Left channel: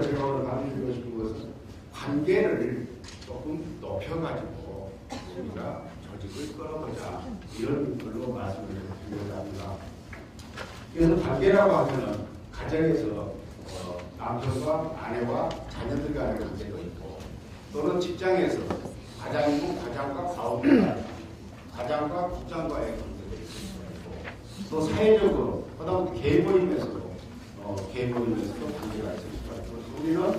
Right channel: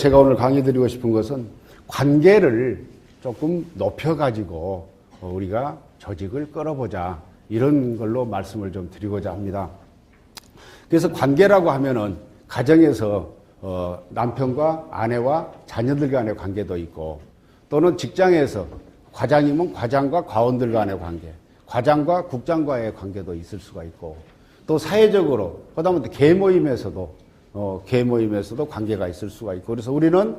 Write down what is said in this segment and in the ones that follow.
제가 오늘 강의 드리고 싶은 것은 관계를 조금 높여가지고 우리가 조직을 끌어보자, 이런 걸로 말씀을 좀 드리고자 합니다. 그래서 관계라고 하면은 가정에서 남편과 아내와 자녀들 간의 관계도 있고, 또는 직장에서 과장이면 과장과 과원들 간의 관계, 과장과 국장과의 관계도 있을 수가 있고, 또 사회적으로 하다못해 개 모임에서도 관계가 있을 수가 있고, 그래서 우리는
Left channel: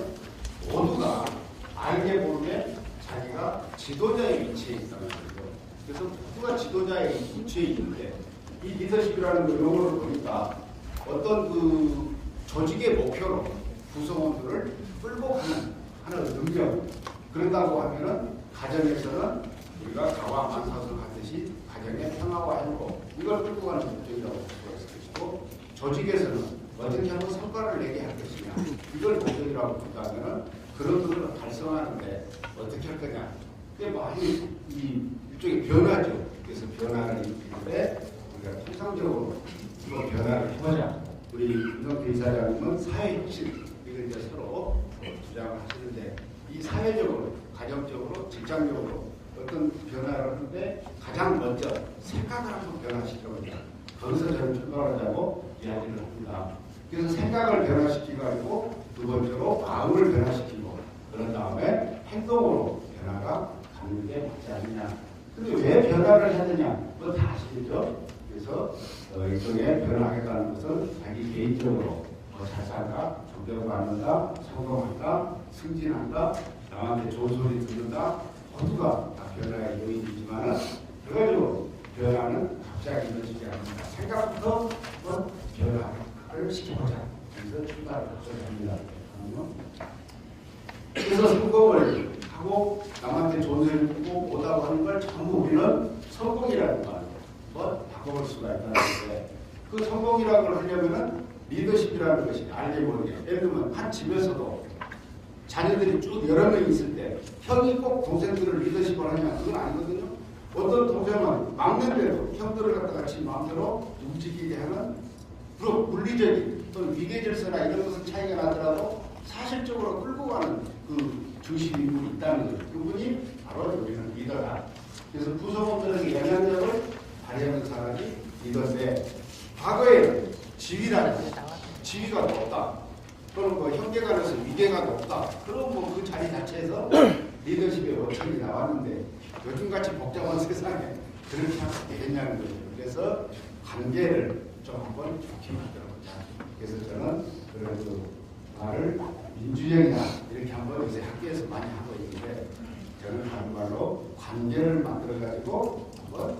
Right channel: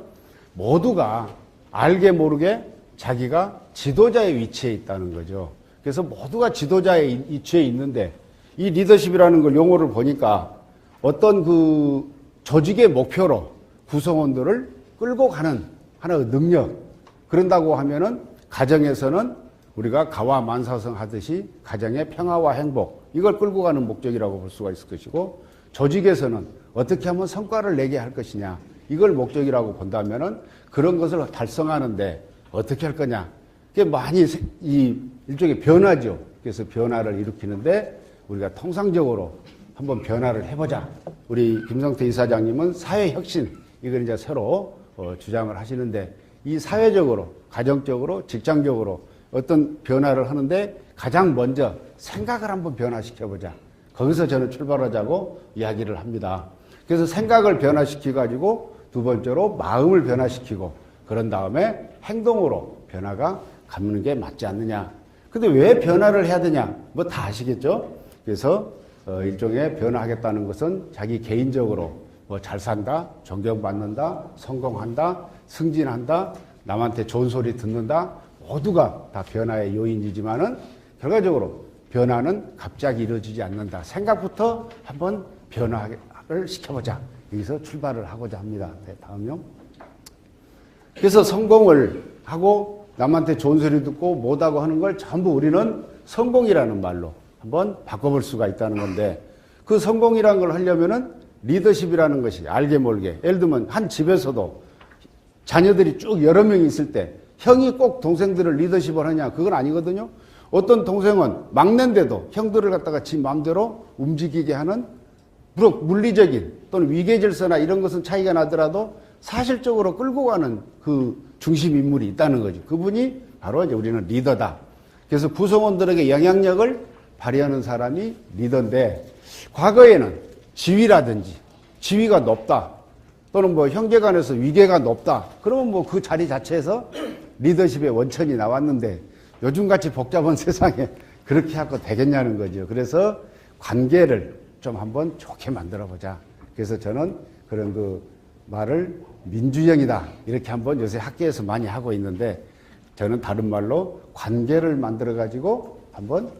모두가 알게 모르게 자기가 지도자의 위치에 있다는 거죠. 그래서 모두가 지도자의 위치에 있는데, 이 리더십이라는 걸 용어를 보니까 어떤 그 조직의 목표로 구성원들을 끌고 가는 하나의 능력, 그런다고 하면은 가정에서는 우리가 가와 만사성 하듯이 가정의 평화와 행복, 이걸 끌고 가는 목적이라고 볼 수가 있을 것이고, 조직에서는 어떻게 하면 성과를 내게 할 것이냐, 이걸 목적이라고 본다면은 그런 것을 달성하는데 어떻게 할 거냐, 이게 많이 일종의 변화죠. 그래서 변화를 일으키는데 우리가 통상적으로 한번 변화를 해보자. 우리 김성태 이사장님은 사회혁신, 이걸 이제 새로 주장을 하시는데, 이 사회적으로, 가정적으로, 직장적으로 어떤 변화를 하는데 가장 먼저 생각을 한번 변화시켜보자. 거기서 저는 출발하자고 이야기를 합니다. 그래서 생각을 변화시켜가지고 두 번째로 마음을 변화시키고, 그런 다음에 행동으로 변화가 갖는 게 맞지 않느냐. 근데 왜 변화를 해야 되냐? 뭐 다 아시겠죠? 그래서 일종의 변화하겠다는 것은 자기 개인적으로 뭐 잘 산다, 존경받는다, 성공한다, 승진한다, 남한테 좋은 소리 듣는다, 모두가 다 변화의 요인이지만은 결과적으로 변화는 갑자기 이루어지지 않는다. 생각부터 한번 변화를 시켜보자. 여기서 출발을 하고자 합니다. 네, 다음요. 그래서 성공을 하고 남한테 좋은 소리 듣고 못하고 하는 걸 전부 우리는 성공이라는 말로 한번 바꿔볼 수가 있다는 건데, 그 성공이라는 걸 하려면은 리더십이라는 것이 알게 모르게, 예를 들면 한 집에서도 자녀들이 쭉 여러 명 있을 때 형이 꼭 동생들을 리더십을 하냐, 그건 아니거든요. 어떤 동생은 막내인데도 형들을 갖다가 지 마음대로 움직이게 하는, 물리적인 또는 위계질서나 이런 것은 차이가 나더라도 사실적으로 끌고 가는 그 중심 인물이 있다는 거죠. 그분이 바로 이제 우리는 리더다. 그래서 구성원들에게 영향력을 발휘하는 사람이 리더인데, 과거에는 지위라든지 지위가 높다, 또는 뭐 형제간에서 위계가 높다, 그러면 뭐 그 자리 자체에서 리더십의 원천이 나왔는데, 요즘같이 복잡한 세상에 그렇게 하고 되겠냐는 거죠. 그래서 관계를 좀 한번 좋게 만들어 보자. 그래서 저는 그런 그 말을 민주형이다, 이렇게 한번 요새 학교에서 많이 하고 있는데, 저는 다른 말로 관계를 만들어 가지고 한번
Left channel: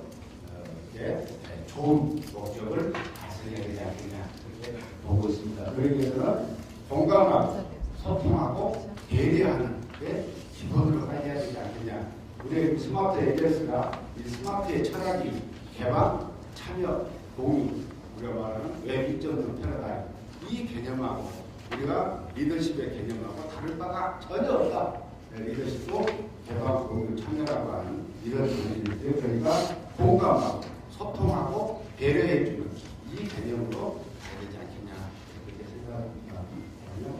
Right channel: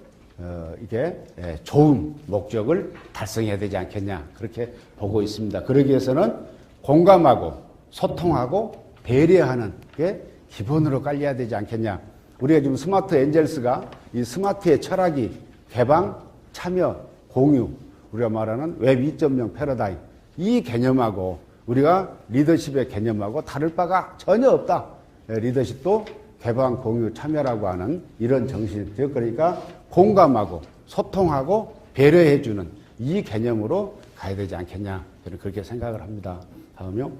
이게 좋은 목적을 달성해야 되지 않겠냐, 그렇게 보고 있습니다. 그러기 위해서는 공감하고 소통하고 배려하는 게 기본으로 깔려야 되지 않겠냐. 우리가 지금 스마트 엔젤스가 이 스마트의 철학이 개방, 참여, 공유, 우리가 말하는 웹 2.0 패러다임, 이 개념하고 우리가 리더십의 개념하고 다를 바가 전혀 없다. 리더십도 개방, 공유, 참여라고 하는 이런 정신이에요. 그러니까 공감하고 소통하고 배려해주는 이 개념으로 가야 되지 않겠냐, 그렇게 생각을 합니다. 다음요.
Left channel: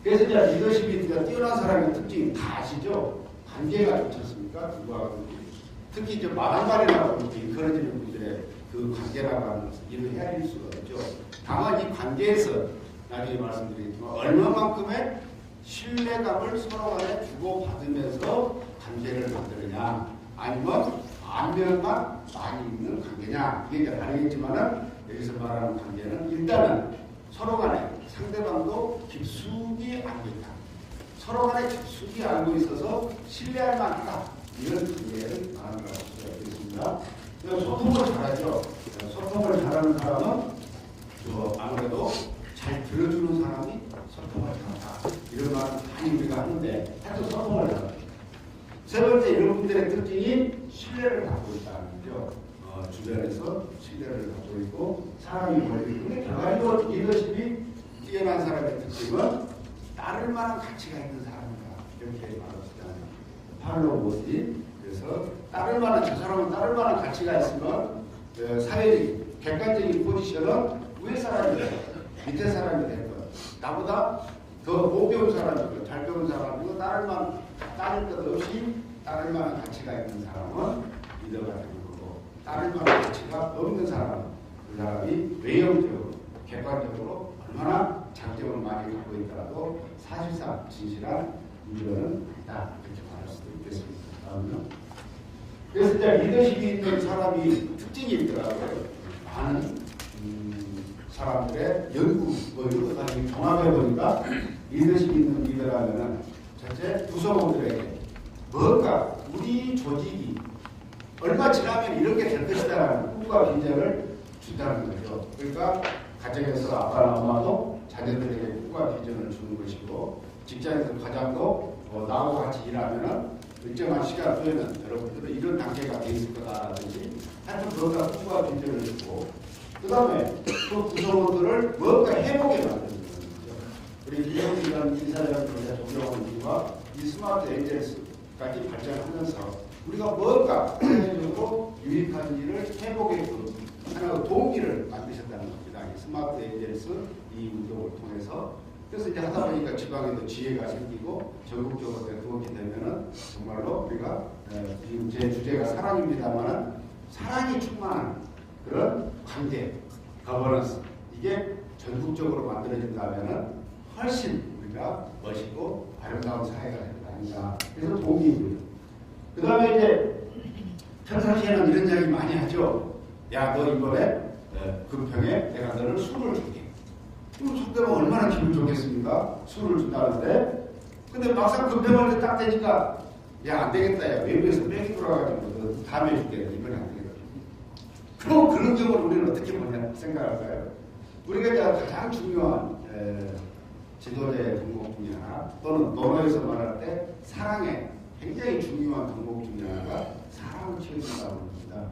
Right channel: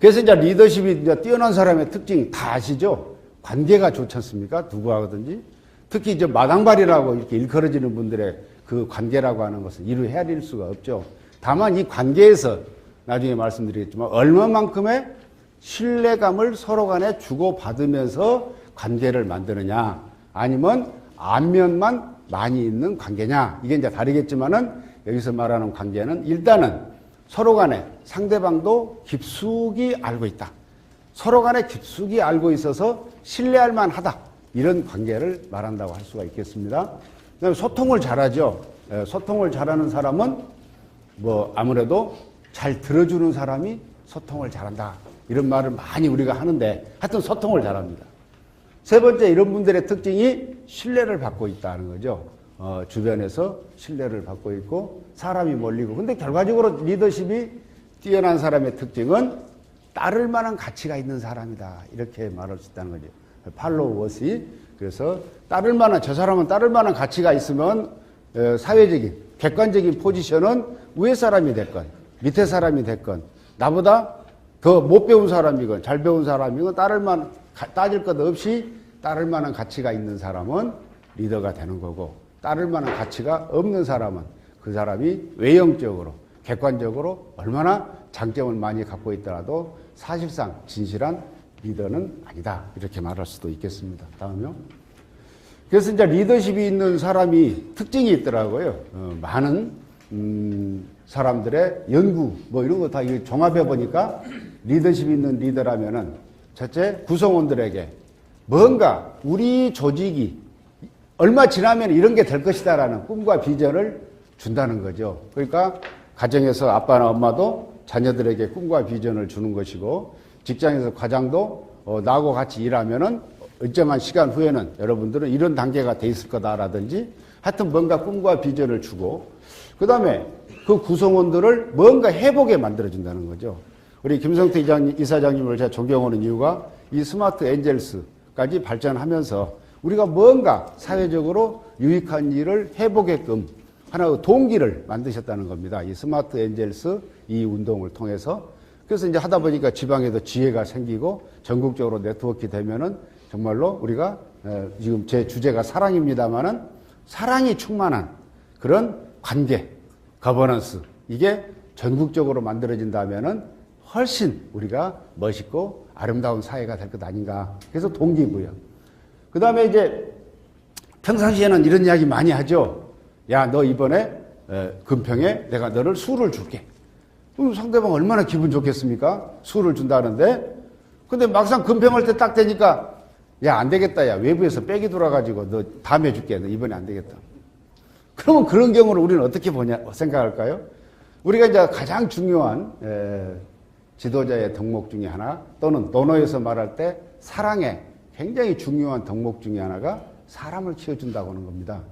그래서 이제 리더십이 이제 뛰어난 사람의 특징이 다 아시죠? 관계가 좋지 않습니까? 누구하든지. 특히 이제 마당발이라고 이렇게 일컬어지는 분들의 그 관계라고 하는 것은 이루 헤아릴 수가 없죠. 다만 이 관계에서 나중에 말씀드리겠지만 얼마만큼의 신뢰감을 서로 간에 주고받으면서 관계를 만드느냐, 아니면 안면만 많이 있는 관계냐, 이게 이제 다르겠지만은 여기서 말하는 관계는 일단은 서로 간에 상대방도 깊숙이 알고 있다. 서로 간에 깊숙이 알고 있어서 신뢰할 만하다. 이런 관계를 말한다고 할 수가 있겠습니다. 소통을 잘하죠. 소통을 잘하는 사람은 뭐 아무래도 잘 들어주는 사람이 소통을 잘한다, 이런 말을 많이 우리가 하는데, 하여튼 소통을 잘합니다. 세 번째, 이런 분들의 특징이 신뢰를 받고 있다는 거죠. 주변에서 신뢰를 받고 있고 사람이 몰리고. 근데 결과적으로 리더십이 뛰어난 사람의 특징은 따를 만한 가치가 있는 사람이다, 이렇게 말할 수 있다는 거죠. 팔로워시. 그래서 따를 만한, 저 사람은 따를 만한 가치가 있으면 사회적인 객관적인 포지션은 위에 사람이 됐건 밑에 사람이 됐건 나보다 더 못 배운 사람이고 잘 배운 사람이고 따질 것 없이 따를 만한 가치가 있는 사람은 리더가 되는 거고, 따를 만한 가치가 없는 사람은 그 사람이 외형적으로 객관적으로 얼마나 장점을 많이 갖고 있더라도 사실상 진실한 리더는 아니다, 이렇게 말할 수도 있겠습니다. 다음요. 그래서 이제 리더십이 있는 사람이 특징이 있더라고요. 많은 사람들의 연구 뭐 이런 거 다 종합해 보니까 리더십 있는 리더라면은 첫째, 구성원들에게 뭔가 우리 조직이 얼마 지나면 이런 게 될 것이다라는 꿈과 비전을 준다는 거죠. 그러니까 가정에서 아빠나 엄마도 자녀들에게 꿈과 비전을 주는 것이고, 직장에서 과장도 나하고 같이 일하면은 일정한 시간 후에는 여러분들은 이런 단계가 돼 있을 거다라든지, 하여튼 뭔가 꿈과 비전을 주고, 그 다음에 그 구성원들을 뭔가 해보게 만들어준다는 거죠. 우리 김성태 이사장님을 제가 존경하는 이유가 이 스마트 엔젤스까지 발전하면서 우리가 뭔가 사회적으로 유익한 일을 해보게끔 하나의 동기를 만드셨다는 겁니다. 이 스마트 엔젤스 이 운동을 통해서. 그래서 이제 하다 보니까 지방에도 지혜가 생기고 전국적으로 네트워크 되면은 정말로 우리가 지금 제 주제가 사랑입니다만은 사랑이 충만한 그런 관계, 거버넌스, 이게 전국적으로 만들어진다면은 훨씬 우리가 멋있고 아름다운 사회가 될 것 아닌가. 그래서 동기고요. 그 다음에 이제 평상시에는 이런 이야기 많이 하죠. 야, 너 이번에 금평에 내가 너를 술을 줄게. 그럼 상대방 얼마나 기분 좋겠습니까? 술을 준다는데. 근데 막상 금평할 때 딱 되니까 야, 안 되겠다. 야, 외부에서 백이 돌아가지고 너 다음에 줄게. 너 이번에 안 되겠다. 그러면 그런 경우를 우리는 어떻게 생각할까요? 우리가 이제 가장 중요한 지도자의 덕목 중에 하나, 또는 논어에서 말할 때 사랑의 굉장히 중요한 덕목 중에 하나가 사람을 키워준다고 하는 겁니다.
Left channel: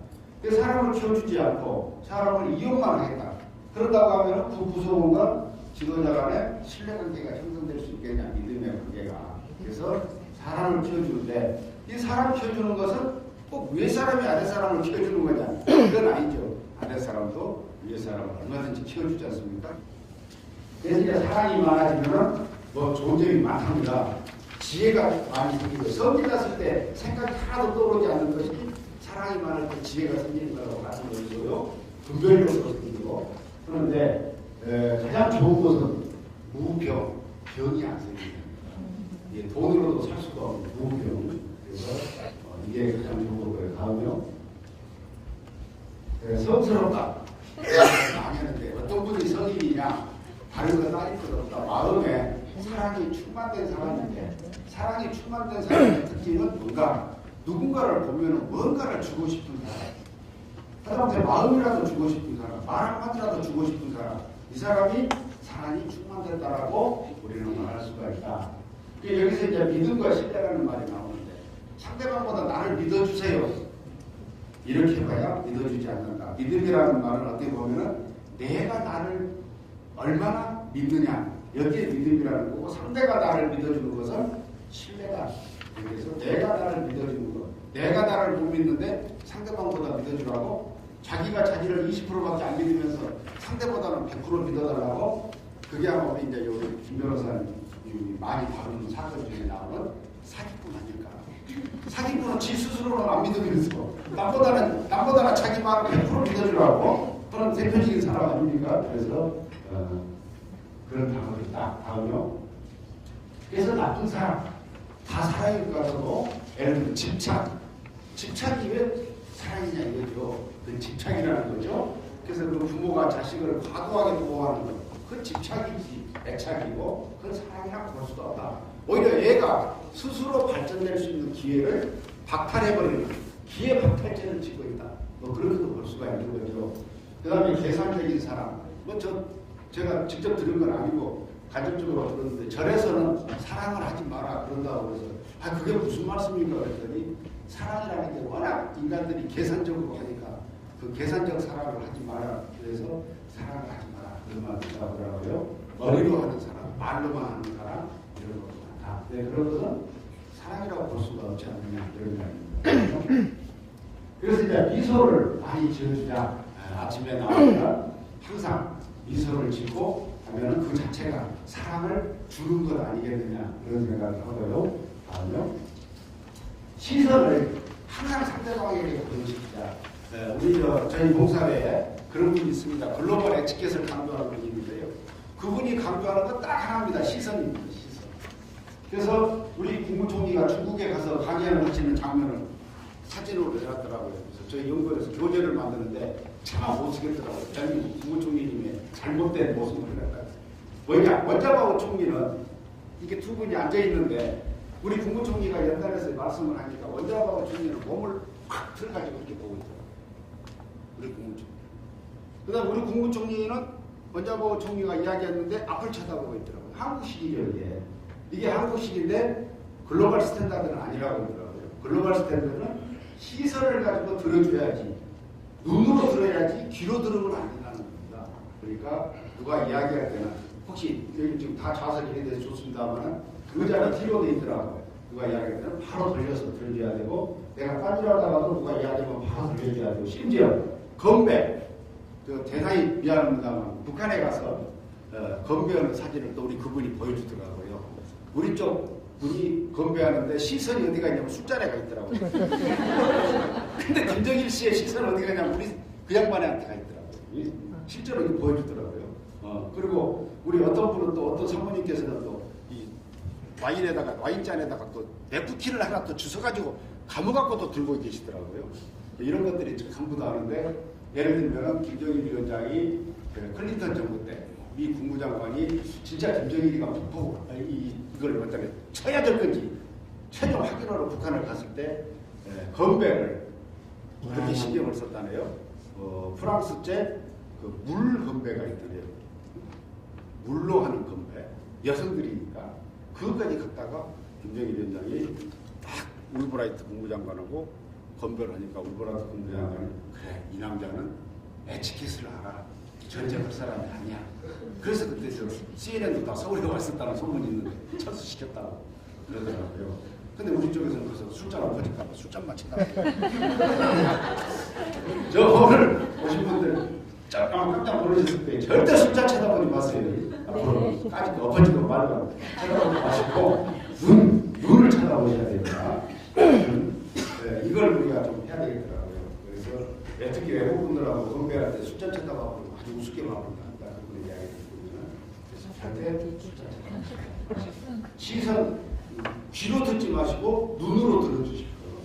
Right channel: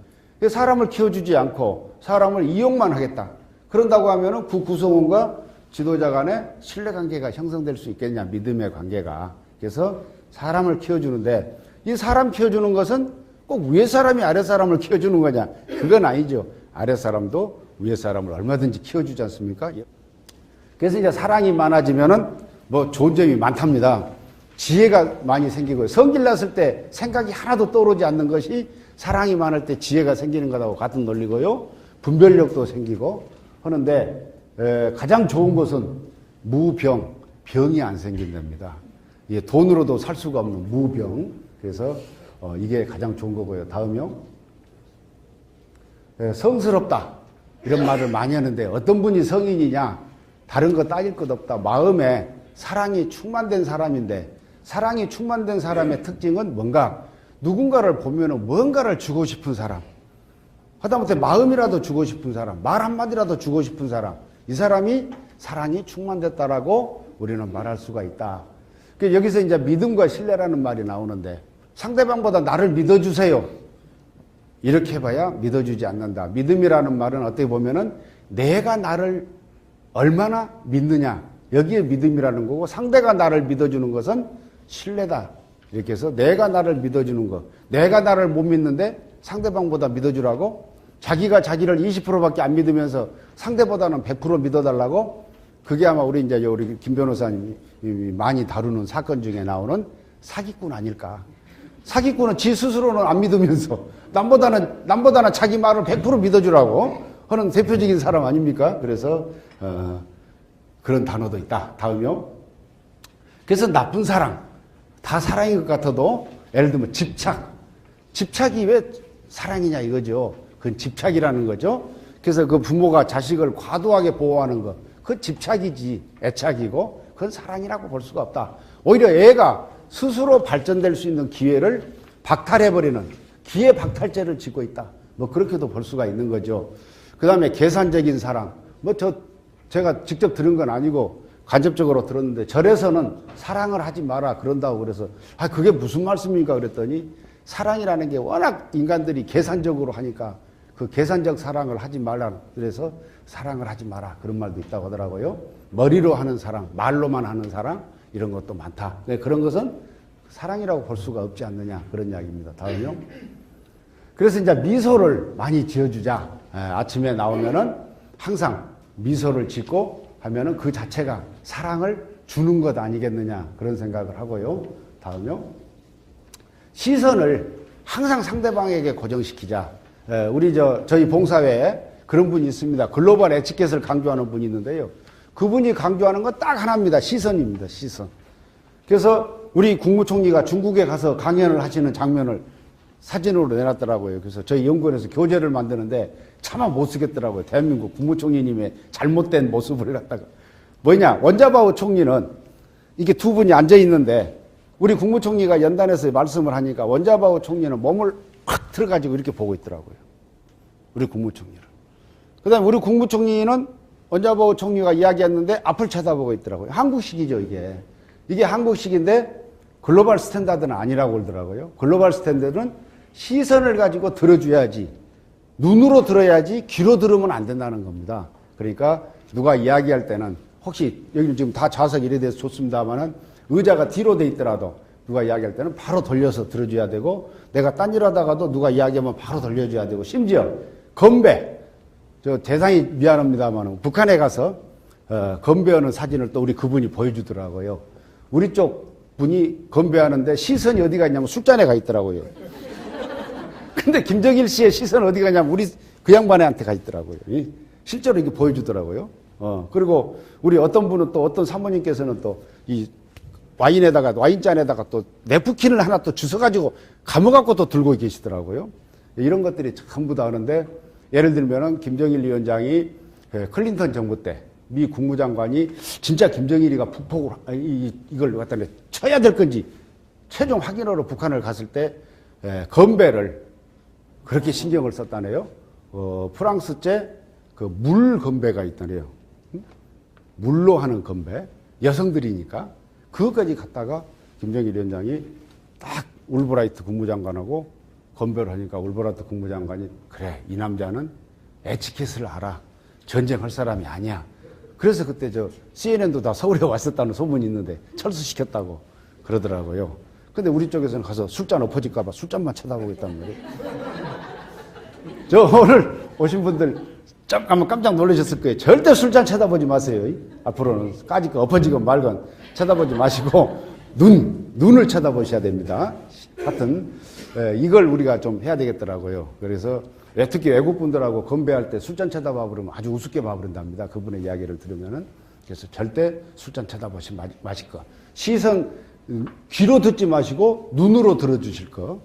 사람을 키워주지 않고 사람을 이용만 하겠다. 그런다고 하면은 그 구성원과 지도자 간에 신뢰관계가 형성될 수 있겠냐, 믿음의 관계가. 그래서 사람을 키워주는데, 이 사람 키워주는 것은 꼭 위에 사람이 아래 사람을 키워주는 거냐? 그건 아니죠. 아래 사람도 위에 사람을 얼마든지 키워주지 않습니까? 그래서 이제 사랑이 많아지면은 뭐 좋은 점이 많답니다. 지혜가 많이 생기고, 성질 났을 때 생각이 하나도 떠오르지 않는 것이 사랑이 많을 때 지혜가 생기는 것하고 같은 논리고요. 분별력도 생기고 하는데, 가장 좋은 것은 무병, 병이 안 생긴답니다. 예, 돈으로도 살 수가 없는 무병. 그래서 이게 가장 좋은 거고요. 다음요. 성스럽다. 이런 말을 많이 하는데, 어떤 분이 성인이냐? 다른 거 따질 것 없다. 마음에 사랑이 충만된 사람인데, 사랑이 충만된 사람의 특징은 뭔가? 누군가를 보면은 뭔가를 주고 싶은 사람. 하다못해 마음이라도 주고 싶은 사람. 말 한마디라도 주고 싶은 사람. 이 사람이 사랑이 충만됐다라고 우리는 말할 수가 있다. 여기서 이제 믿음과 신뢰라는 말이 나오는데, 상대방보다 나를 믿어주세요. 이렇게 해봐야 믿어주지 않는다. 믿음이라는 말은 어떻게 보면은 내가 나를 얼마나 믿느냐, 여기에 믿음이라는 거고, 상대가 나를 믿어주는 것은 신뢰다. 이렇게 해서 내가 나를 믿어주는 것, 내가 나를 못 믿는데 상대방보다 믿어주라고, 자기가 자기를 20%밖에 안 믿으면서 상대보다는 100% 믿어달라고. 그게 아마 우리 이제 우리 김 변호사님이 많이 다루는 사건 중에 나오는 사기꾼 아닐까. 사기꾼은 지 스스로는 안 믿으면서 남보다는 자기 말을 100% 믿어주라고 하는 대표적인 사람 아닙니까? 그래서 그런 단어도 있다. 다음요. 그래서 나쁜 사람, 다 사랑인 것 같아도, 예를 들면 집착이 왜 사랑이냐 이거죠. 그 집착이라는 거죠. 그래서 그 부모가 자식을 과도하게 보호하는 것, 그 집착이지, 애착이고, 그건 사랑이라고 볼 수가 없다. 오히려 애가 스스로 발전될 수 있는 기회를 박탈해버리는 기회 박탈죄를 짓고 있다. 뭐 그렇게도 볼 수가 있는 거죠. 그 다음에 계산적인 사랑. 제가 직접 들은 건 아니고 간접적으로 들었는데, 절에서는 사랑을 하지 마라 그런다고 그래서, 그게 무슨 말씀입니까? 그랬더니, 사랑이라는 게 워낙 인간들이 계산적으로 하니까 그 계산적 사랑을 하지 말라. 그래서 사랑을 하지 마라. 그런 말도 있다고 하더라고요. 머리로 하는 사랑, 말로만 하는 사랑, 이런 것도 많다. 그런 것은 사랑이라고 볼 수가 없지 않느냐. 그런 이야기입니다. 다음으로. 그래서 이제 미소를 많이 지어주자. 아침에 나오면은 항상 미소를 짓고 하면은 그 자체가 사랑을 주는 것 아니겠느냐 그런 생각을 하고요. 다음요. 시선을 항상 상대방에게 고정시키자. 우리 저희 봉사회에 그런 분이 있습니다. 글로벌 에티켓을 강조하는 분이 있는데요. 그분이 강조하는 건 딱 하나입니다. 시선입니다. 시선. 그래서 우리 국무총리가 중국에 가서 강연을 하시는 장면을 사진으로 내놨더라고요. 그래서 저희 연구원에서 교재를 만드는데 차마 못 쓰겠더라고요. 대한민국 국무총리님의 잘못된 모습을 갖다가. 뭐냐, 원자바오 총리는 이게 두 분이 앉아 있는데 우리 국무총리가 연단에서 말씀을 하니까 원자바오 총리는 몸을 확 들어가지고 이렇게 보고 있더라고요. 우리 국무총리를. 그 다음에 우리 국무총리는 원자바오 총리가 이야기했는데 앞을 쳐다보고 있더라고요. 한국식이죠, 이게. 이게 한국식인데 글로벌 스탠다드는 아니라고 그러더라고요. 글로벌 스탠다드는 시선을 가지고 들어줘야지, 눈으로 들어야지 귀로 들으면 안 된다는 겁니다. 그러니까 누가 이야기할 때는 혹시 여기 지금 다 좌석 이래 돼서 좋습니다만은 의자가 뒤로 돼 있더라도 누가 이야기할 때는 바로 돌려서 들어줘야 되고, 내가 딴 일 하다가도 누가 이야기하면 바로 돌려줘야 되고, 심지어 건배, 저 대단히 미안합니다만 북한에 가서 건배하는 사진을 또 우리 그분이 보여주더라고요. 우리 쪽 분이 건배하는데 시선이 어디가 있냐면 술잔에 가 있더라고요. 근데 김정일 씨의 시선 어디 가냐면 우리 그 양반한테 가 있더라고요. 실제로 이거 보여주더라고요. 그리고 우리 어떤 분은 또 어떤 사모님께서는 또 이 와인잔에다가 또 네프킨을 하나 또 주워가지고 감아갖고 또 들고 계시더라고요. 이런 것들이 전부 다 하는데, 예를 들면은 김정일 위원장이 클린턴 정부 때 미 국무장관이 진짜 김정일이가 북폭을 이걸 갖다 쳐야 될 건지 최종 확인하러 북한을 갔을 때 건배를 그렇게 신경을 썼다네요. 프랑스제 그 물 건배가 있다네요. 물로 하는 건배, 여성들이니까 그것까지 갔다가 김정일 위원장이 딱 울브라이트 국무장관하고 건배를 하니까 울브라이트 국무장관이 그래, 이 남자는 에티켓을 알아. 전쟁할 사람이 아니야. 그래서 그때 저 CNN도 다 서울에 왔었다는 소문이 있는데 철수시켰다고 그러더라고요. 근데 우리 쪽에서는 가서 술잔 엎어질까봐 술잔만 쳐다보고 있다는 거예요. 저 오늘 오신 분들 잠깐만 깜짝 놀라셨을 거예요. 절대 술잔 쳐다보지 마세요. 앞으로는 까짓 거 엎어지고 말고 쳐다보지 마시고 눈을 쳐다보셔야 됩니다. 하여튼 이걸 우리가 좀 해야 되겠더라고요. 그래서 특히 외국분들하고 건배할 때 술잔 쳐다봐 버리면 아주 우습게 봐버린답니다. 그분의 이야기를 들으면은. 그래서 절대 술잔 쳐다보지 마실 거. 시선 귀로 듣지 마시고 눈으로 들어주실 거.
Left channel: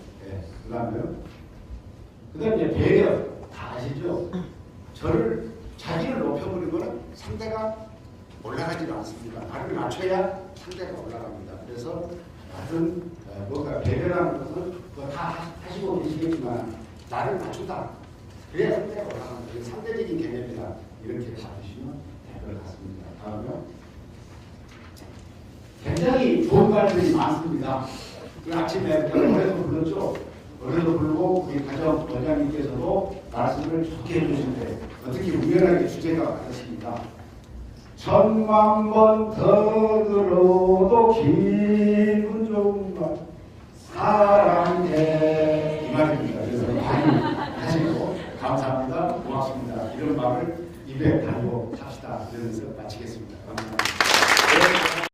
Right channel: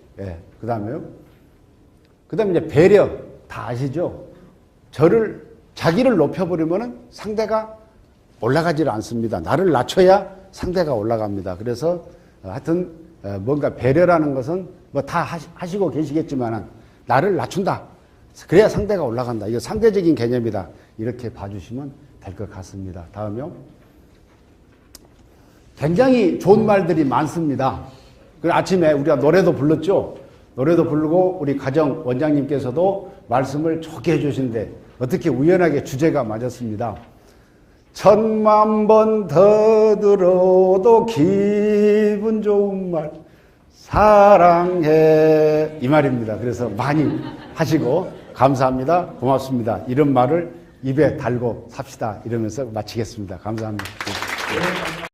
그다음에 이제 배려 다 아시죠? 자기를 높여버리면은 상대가 올라가지를 않습니다. 나를 낮춰야 상대가 올라갑니다. 그래서 하여튼 뭔가 배려라는 것은 뭐 다 하시고 계시겠지만 나를 낮춘다. 그래야 상대가 올라간다. 이거 상대적인 개념이다. 이렇게 봐주시면 될 것 같습니다. 다음요. 굉장히 좋은 말들이 많습니다. 그 아침에 우리가 노래도 불렀죠. 노래도 부르고 우리 가정 원장님께서도 말씀을 좋게 해주신데 어떻게 우연하게 주제가 맞았습니다. 10,000번 더 들어도 기분 좋은 말 사랑해 이 말입니다. 그래서 많이 하시고 감사합니다. 고맙습니다. 이런 말을 입에 달고 삽시다. 이러면서 마치겠습니다. 감사합니다.